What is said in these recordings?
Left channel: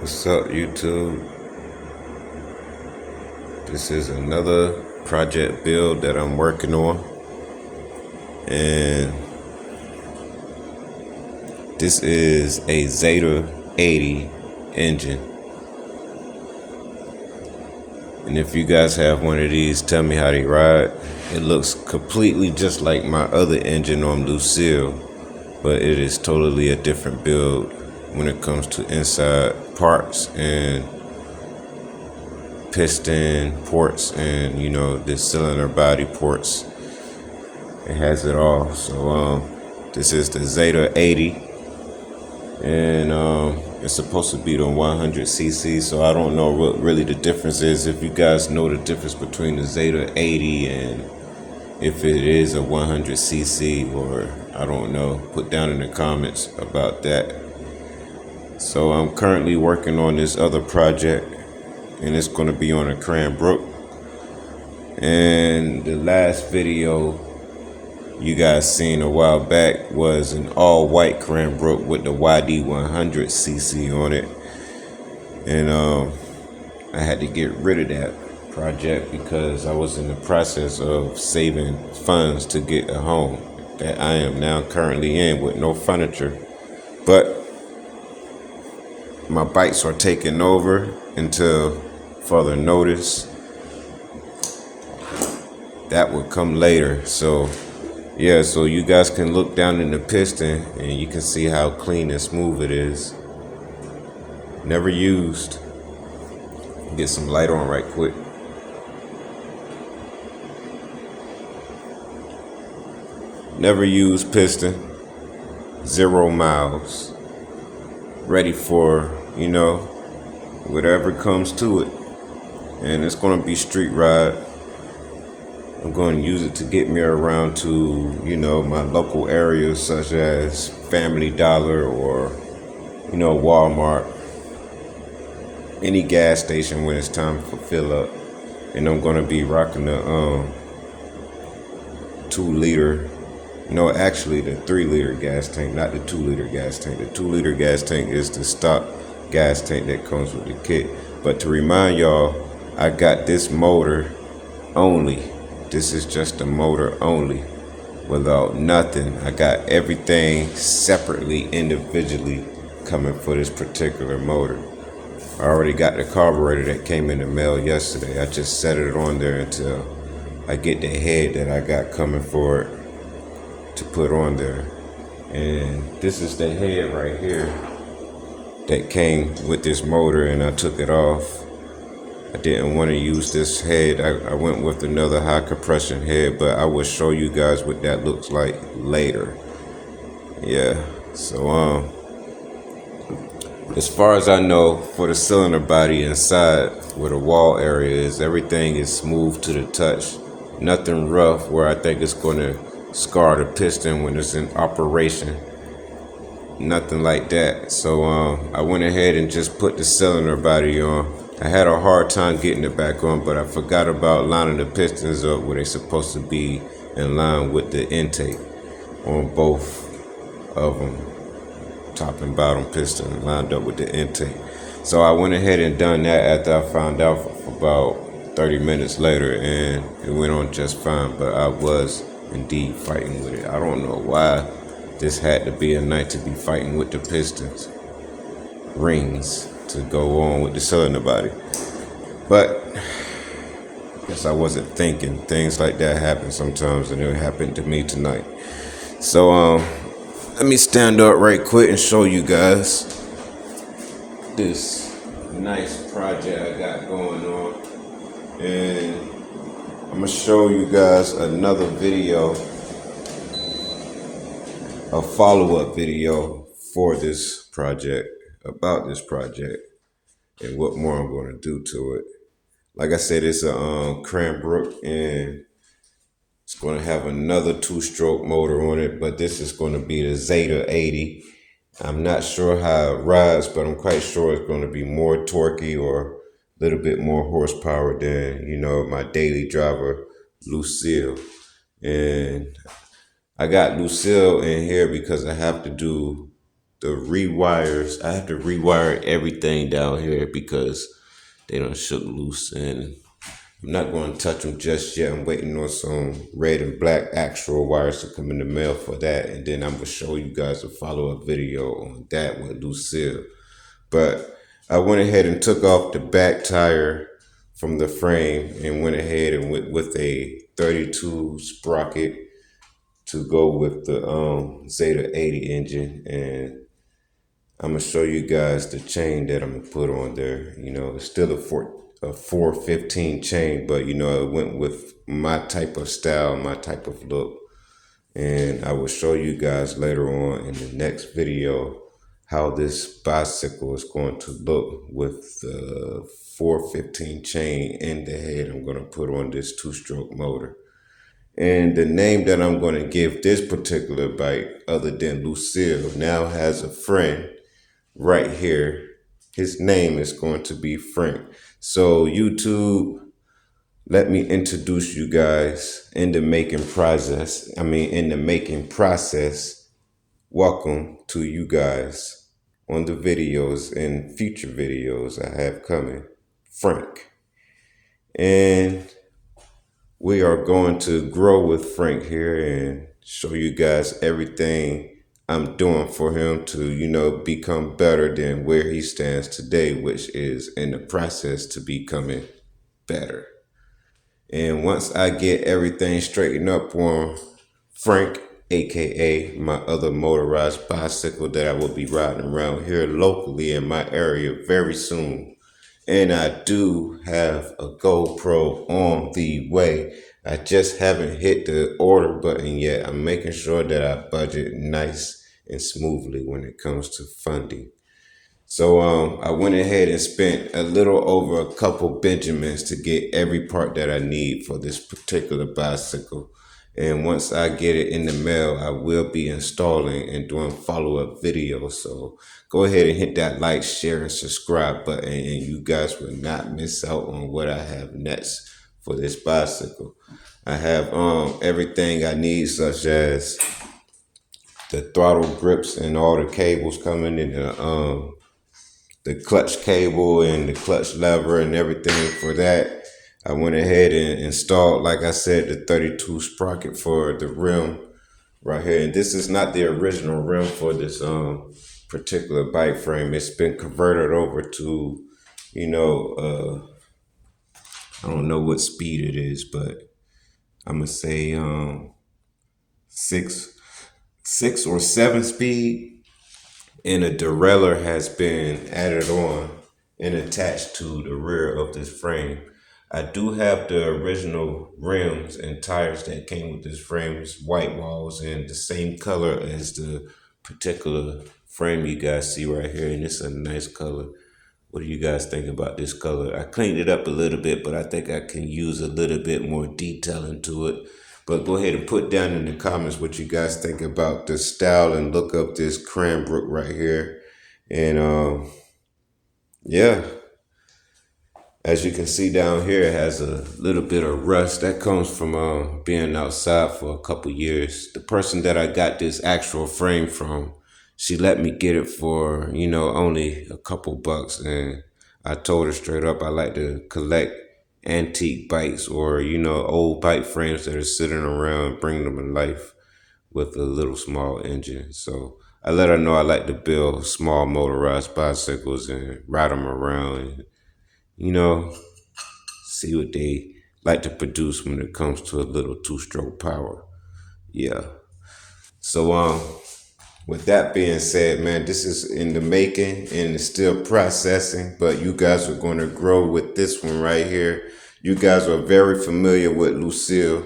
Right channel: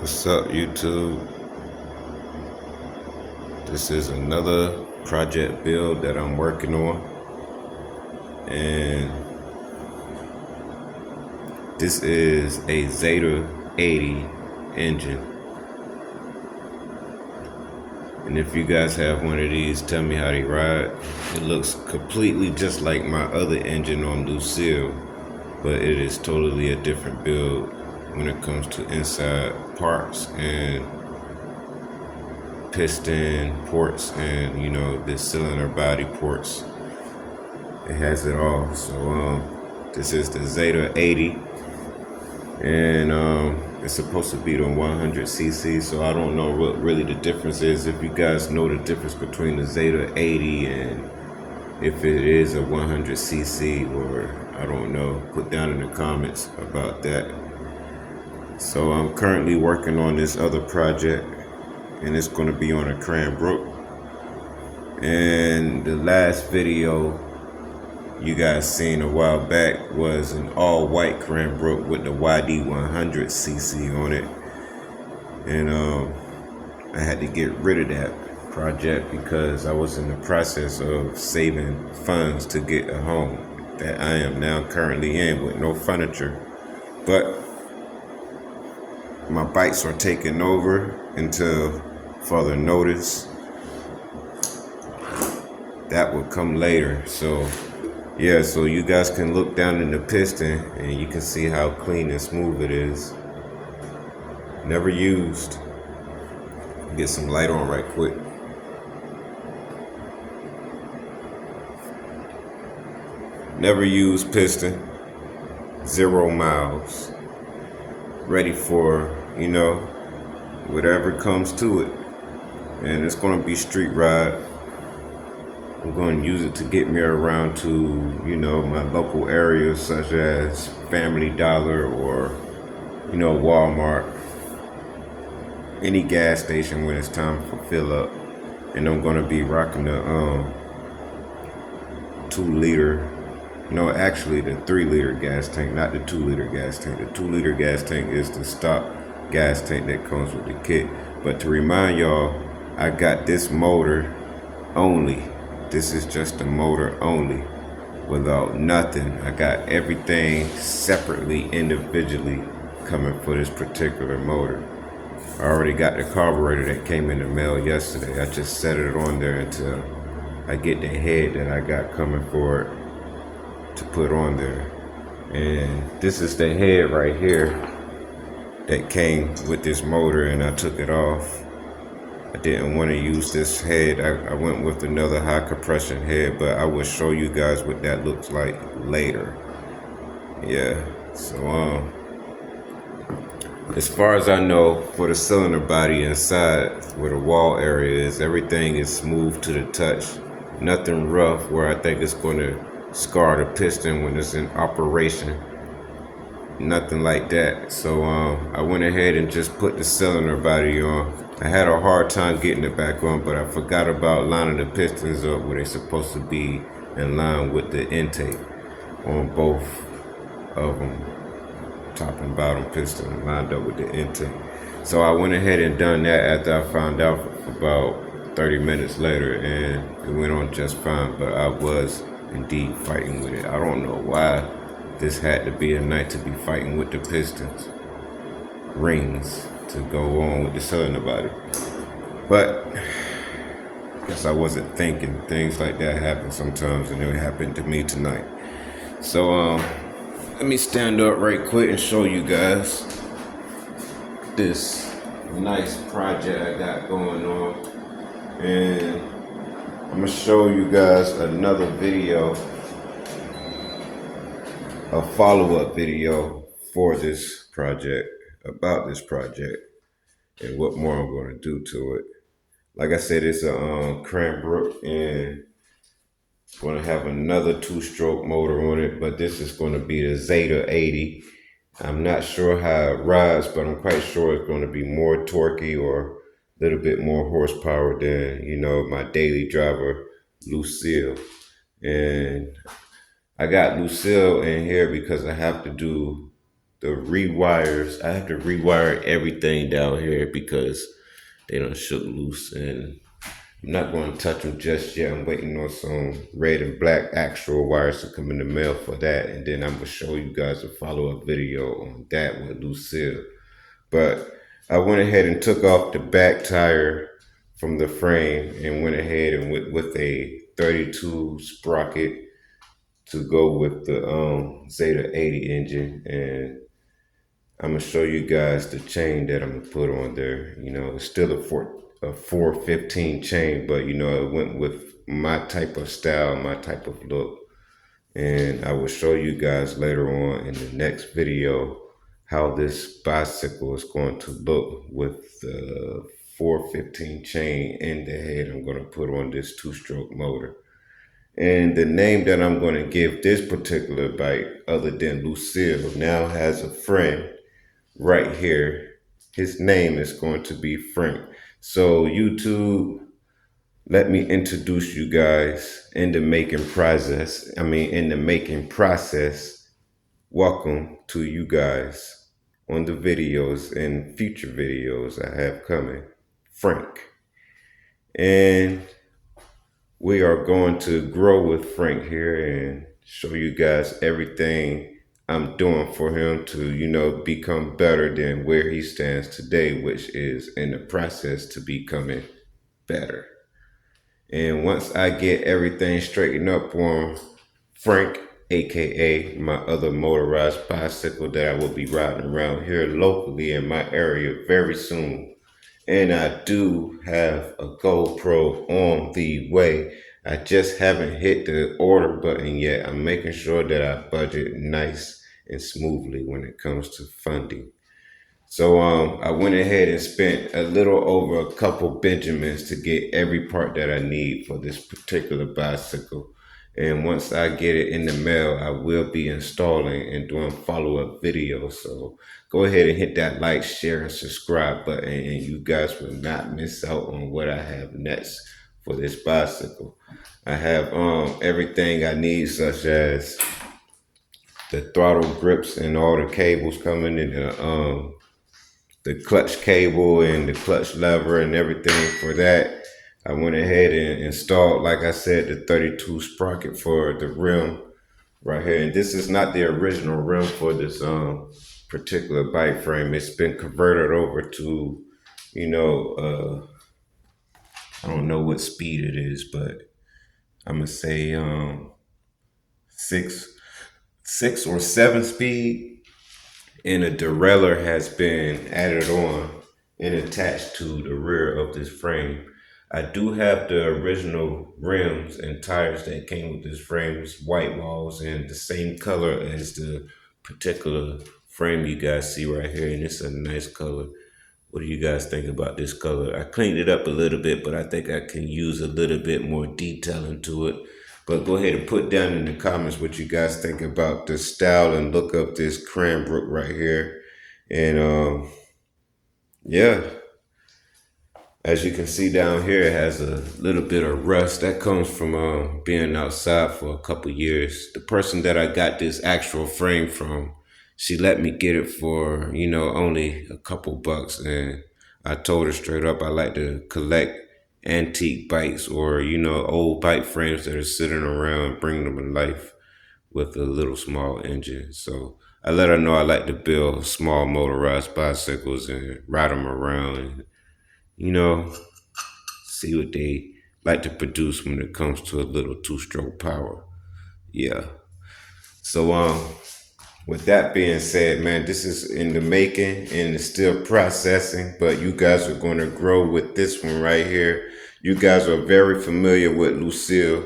What's up, YouTube? This is another project build that I'm working on, and this is a Zada 80 engine. And if you guys have one of these, tell me how they ride. It looks completely just like my other engine on Lucille, but it is totally a different build when it comes to inside parts and piston ports and the cylinder body ports. It has it all. So this is the Zada 80, and it's supposed to be the 100cc. So I don't know what really the difference is. If you guys know the difference between the Zada 80 and if it is a 100cc, or I don't know, put down in the comments about that. So I'm currently working on this other project, and it's going to be on a cranbrook. And the last video you guys seen a while back was an all-white cranbrook with the YD 100cc on it, and I had to get rid of that project because I was in the process of saving funds to get a home that I am now currently in with no furniture. But my bikes are taking over until further notice. That will come later. So yeah, so you guys can look down in the piston and you can see how clean and smooth it is. Never used. Get some light on right quick. Never used piston. 0 miles. Ready for, whatever comes to it. And it's gonna be street ride. I'm going to use it to get me around to, my local areas such as Family Dollar or, Walmart. Any gas station when it's time for fill up. And I'm going to be rocking the 2-liter, actually the 3-liter gas tank, not the 2-liter gas tank. The 2-liter gas tank is the stock gas tank that comes with the kit. But to remind y'all, I got this motor only. This is just the motor only, without nothing. I got everything separately, individually coming for this particular motor. I already got the carburetor that came in the mail yesterday. I just set it on there until I get the head that I got coming for it to put on there. And this is the head right here that came with this motor, and I took it off. I didn't want to use this head. I went with another high compression head, but I will show you guys what that looks like later. Yeah, so as far as I know, for the cylinder body inside where the wall area is, everything is smooth to the touch. Nothing rough where I think it's going to scar the piston when it's in operation. Nothing like that. So I went ahead and just put the cylinder body on. I had a hard time getting it back on, but I forgot about lining the pistons up where they're supposed to be in line with the intake on both of them. Top and bottom piston lined up with the intake. So I went ahead and done that after I found out about 30 minutes later, and it went on just fine, but I was indeed fighting with it. I don't know why this had to be a night to be fighting with the pistons rings to go on with the cylinder body. But because I wasn't thinking, things like that happen sometimes, and it happened to me tonight. So let me stand up right quick and show you guys this nice project I got going on. And I'm gonna show you guys another video, a follow-up video for this project, about this project, and what more I'm going to do to it. Like I said, it's a cranbrook, and it's going to have another 2-stroke motor on it, but this is going to be the Zada 80. I'm not sure how it rides, but I'm quite sure it's going to be more torquey or a little bit more horsepower than, my daily driver, Lucille. And I got Lucille in here because I have to do the rewires. I have to rewire everything down here because they done shook loose, and I'm not going to touch them just yet. I'm waiting on some red and black actual wires to come in the mail for that, and then I'm gonna show you guys a follow-up video on that with Lucille. But I went ahead and took off the back tire from the frame and went ahead and went with a 32 sprocket to go with the Zeta 80 engine, and I'm gonna show you guys the chain that I'm gonna put on there. You know, it's still a 415 chain, but you know, it went with my type of style, my type of look. And I will show you guys later on in the next video how this bicycle is going to look with the 415 chain in the head I'm going to put on this two-stroke motor. And the name that I'm going to give this particular bike, other than Lucille, now has a friend right here. His name is going to be Frank. So YouTube, let me introduce you guys in the making process. Welcome to you guys on the videos and future videos I have coming, Frank. And we are going to grow with Frank here and show you guys everything I'm doing for him to, you know, become better than where he stands today, which is in the process to becoming better. And once I get everything straightened up on Frank, aka my other motorized bicycle that I will be riding around here locally in my area very soon. And I do have a GoPro on the way. I just haven't hit the order button yet. I'm making sure that I budget nice and smoothly when it comes to funding. So I went ahead and spent a little over a couple Benjamins to get every part that I need for this particular bicycle. And once I get it in the mail, I will be installing and doing follow-up videos. So go ahead and hit that like, share, and subscribe button, and you guys will not miss out on what I have next for this bicycle. I have everything I need, such as the throttle grips and all the cables coming in, the clutch cable and the clutch lever and everything for that. I went ahead and installed, like I said, the 32 sprocket for the rim right here. And this is not the original rim for this particular bike frame. It's been converted over to, you know, I don't know what speed it is, but I'm gonna say six or seven speed. And a derailleur has been added on and attached to the rear of this frame. I do have the original rims and tires that came with this frame. It's white walls and the same color as the particular frame you guys see right here, and it's a nice color. What do you guys think about this color? I cleaned it up a little bit, but I think I can use a little bit more detail into it. But go ahead and put down in the comments what you guys think about the style and look up this cranbrook right here. And yeah, as you can see down here, it has a little bit of rust that comes from being outside for a couple years. The person that I got this actual frame from, she let me get it for, you know, only a couple bucks. And I told her straight up, I like to collect antique bikes or, you know, old bike frames that are sitting around, bringing them to life with a little small engine. So I let her know I like to build small motorized bicycles and ride them around and, you know, see what they like to produce when it comes to a little two-stroke power. Yeah. So with that being said, man, this is in the making and it's still processing, but you guys are going to grow with this one right here. You guys are very familiar with Lucille.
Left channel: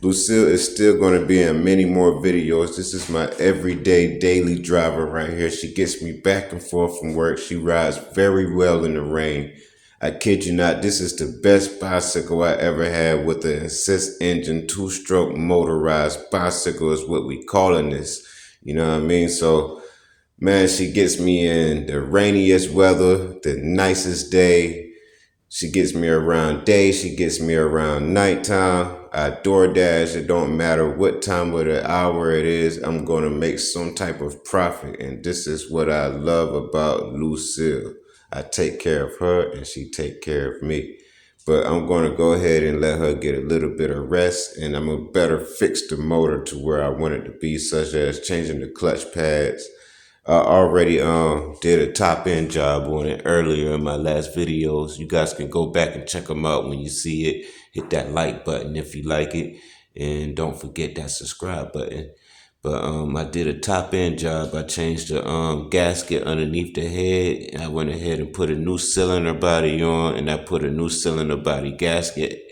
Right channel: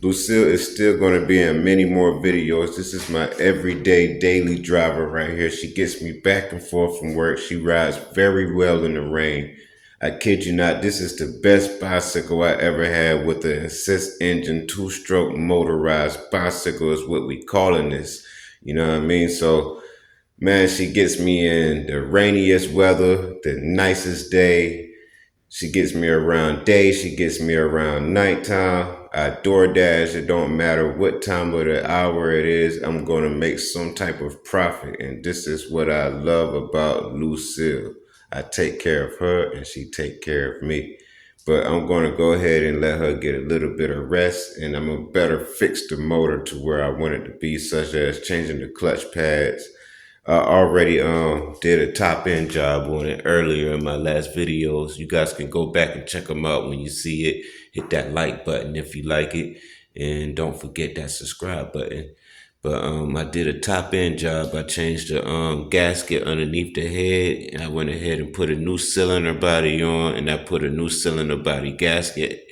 Lucille is still going to be in many more videos. This is my everyday daily driver right here. She gets me back and forth from work. She rides very well in the rain. I kid you not, this is the best bicycle I ever had with an assist engine, two-stroke motorized bicycle is what we calling this. You know what I mean? So, man, she gets me in the rainiest weather, the nicest day. She gets me around day. She gets me around nighttime. I DoorDash. It don't matter what time of the hour it is. I'm gonna make some type of profit, and this is what I love about Lucille. I take care of her, and she take care of me. But I'm gonna go ahead and let her get a little bit of rest, and I'm gonna better fix the motor to where I want it to be, such as changing the clutch pads. I already did a top end job on it earlier in my last videos. You guys can go back and check them out when you see it. Hit that like button if you like it, and don't forget that subscribe button. But I did a top end job. I changed the gasket underneath the head, and I went ahead and put a new cylinder body on, and I put a new cylinder body gasket,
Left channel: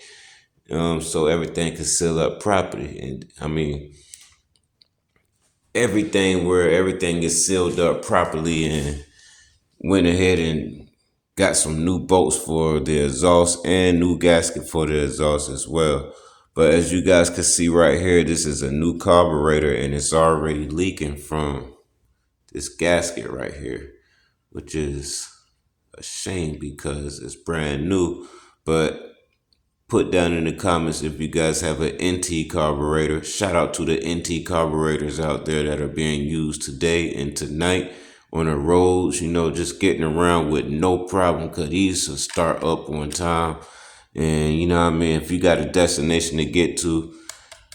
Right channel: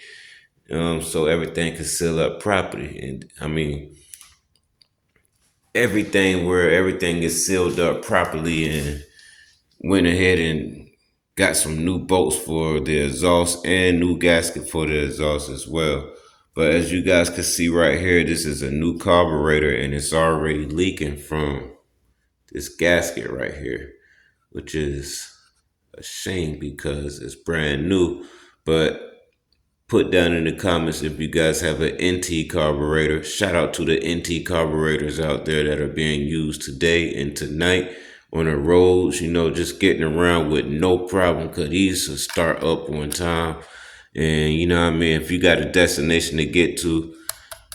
so everything could seal up properly. And I mean, everything where everything is sealed up properly, and went ahead and got some new bolts for the exhaust and new gasket for the exhaust as well. But as you guys can see right here, this is a new carburetor, and it's already leaking from this gasket right here, which is a shame because it's brand new. But put down in the comments if you guys have an NT carburetor. Shout out to the NT carburetors out there that are being used today and tonight on the roads, just getting around with no problem, because these will start up on time. And you know what I mean, if you got a destination to get to,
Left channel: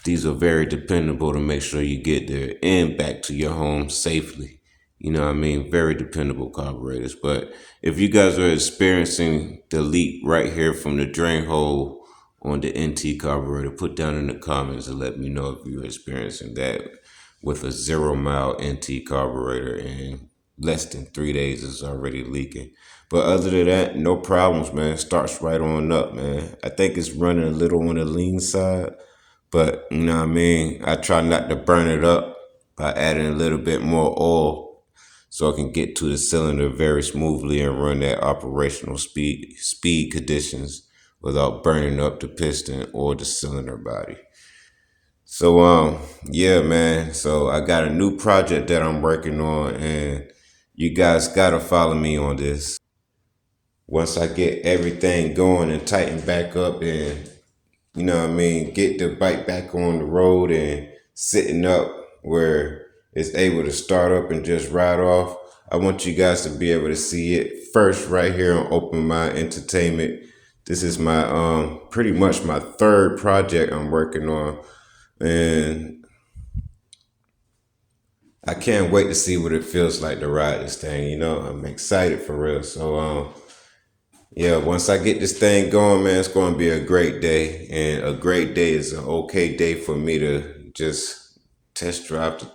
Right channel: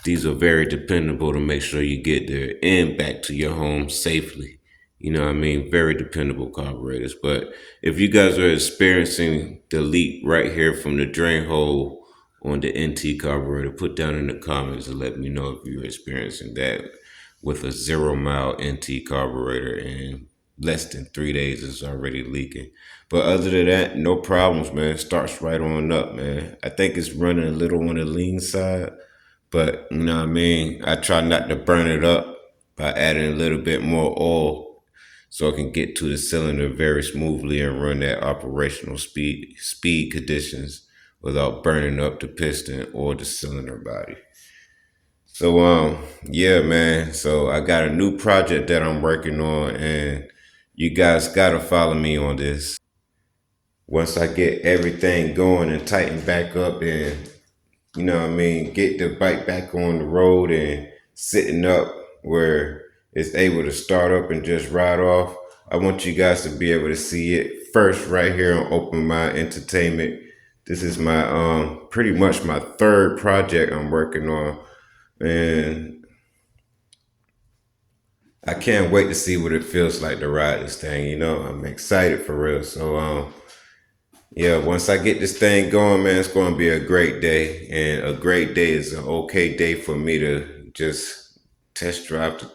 these are very dependable to make sure you get there and back to your home safely. You know what I mean? Very dependable carburetors. But if you guys are experiencing the leak right here from the drain hole on the NT carburetor, put down in the comments and let me know if you're experiencing that with a 0 mile NT carburetor, and less than 3 days is already leaking. But other than that, no problems, man. It starts right on up, man. I think it's running a little on the lean side, but you know what I mean? I try not to burn it up by adding a little bit more oil, so I can get to the cylinder very smoothly and run that operational speed conditions without burning up the piston or the cylinder body. So yeah, man. So I got a new project that I'm working on, and you guys gotta follow me on this. Once I get everything going and tighten back up, and get the bike back on the road and sitting up where it's able to start up and just ride off, I want you guys to be able to see it first right here on Open Mind Entertainment. This is my pretty much my third project I'm working on, and I can't wait to see what it feels like to ride this thing. I'm excited for real. So yeah, once I get this thing going, man, it's going to be a great day. And a great day is an okay day for me to just test drive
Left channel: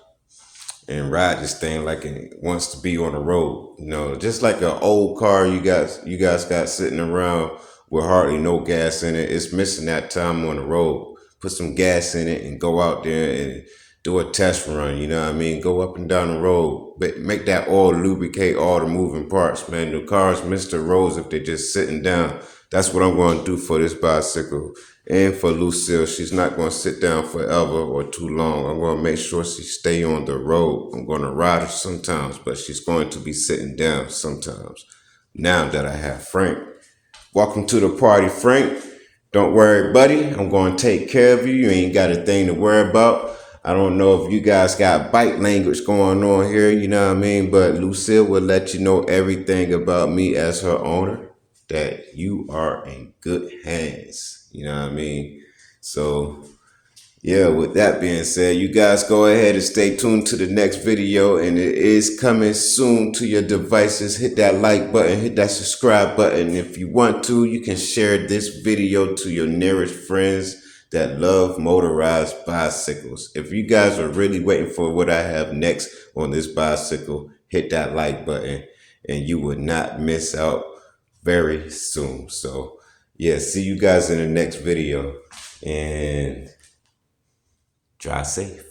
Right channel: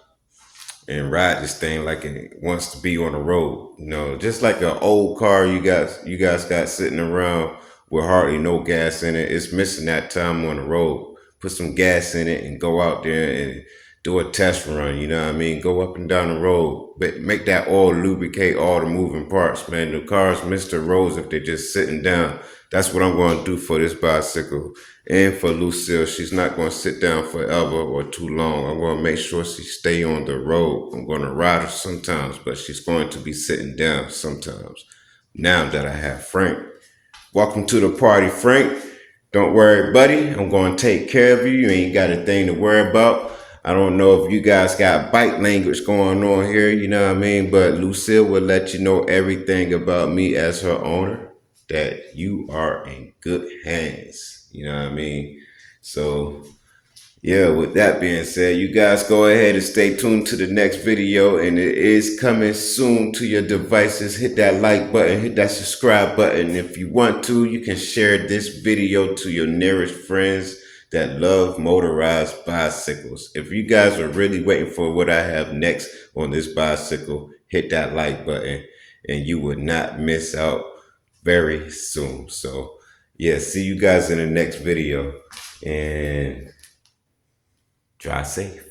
and ride this thing like it wants to be on the road. Just like an old car you guys got sitting around with hardly no gas in it. It's missing that time on the road. Put some gas in it and go out there and do a test run, you know what I mean? Go up and down the road, but make that oil lubricate all the moving parts, man. The cars miss the roads if they're just sitting down. That's what I'm going to do for this bicycle. And for Lucille, she's not going to sit down forever or too long. I'm going to make sure she stay on the road. I'm going to ride her sometimes, but she's going to be sitting down sometimes. Now that I have Frank. Welcome to the party, Frank. Don't worry, buddy. I'm going to take care of you. You ain't got a thing to worry about. I don't know if you guys got bike language going on here, you know what I mean? But Lucille will let you know everything about me as her owner, that you are in good hands, you know what I mean? So yeah, with that being said, you guys go ahead and stay tuned to the next video, and it is coming soon to your devices. Hit that like button, hit that subscribe button. If you want to, you can share this video to your nearest friends that love motorized bicycles. If you guys are really waiting for what I have next on this bicycle, hit that like button and you will not miss out very soon. So yeah, see you guys in the next video, and drive safe.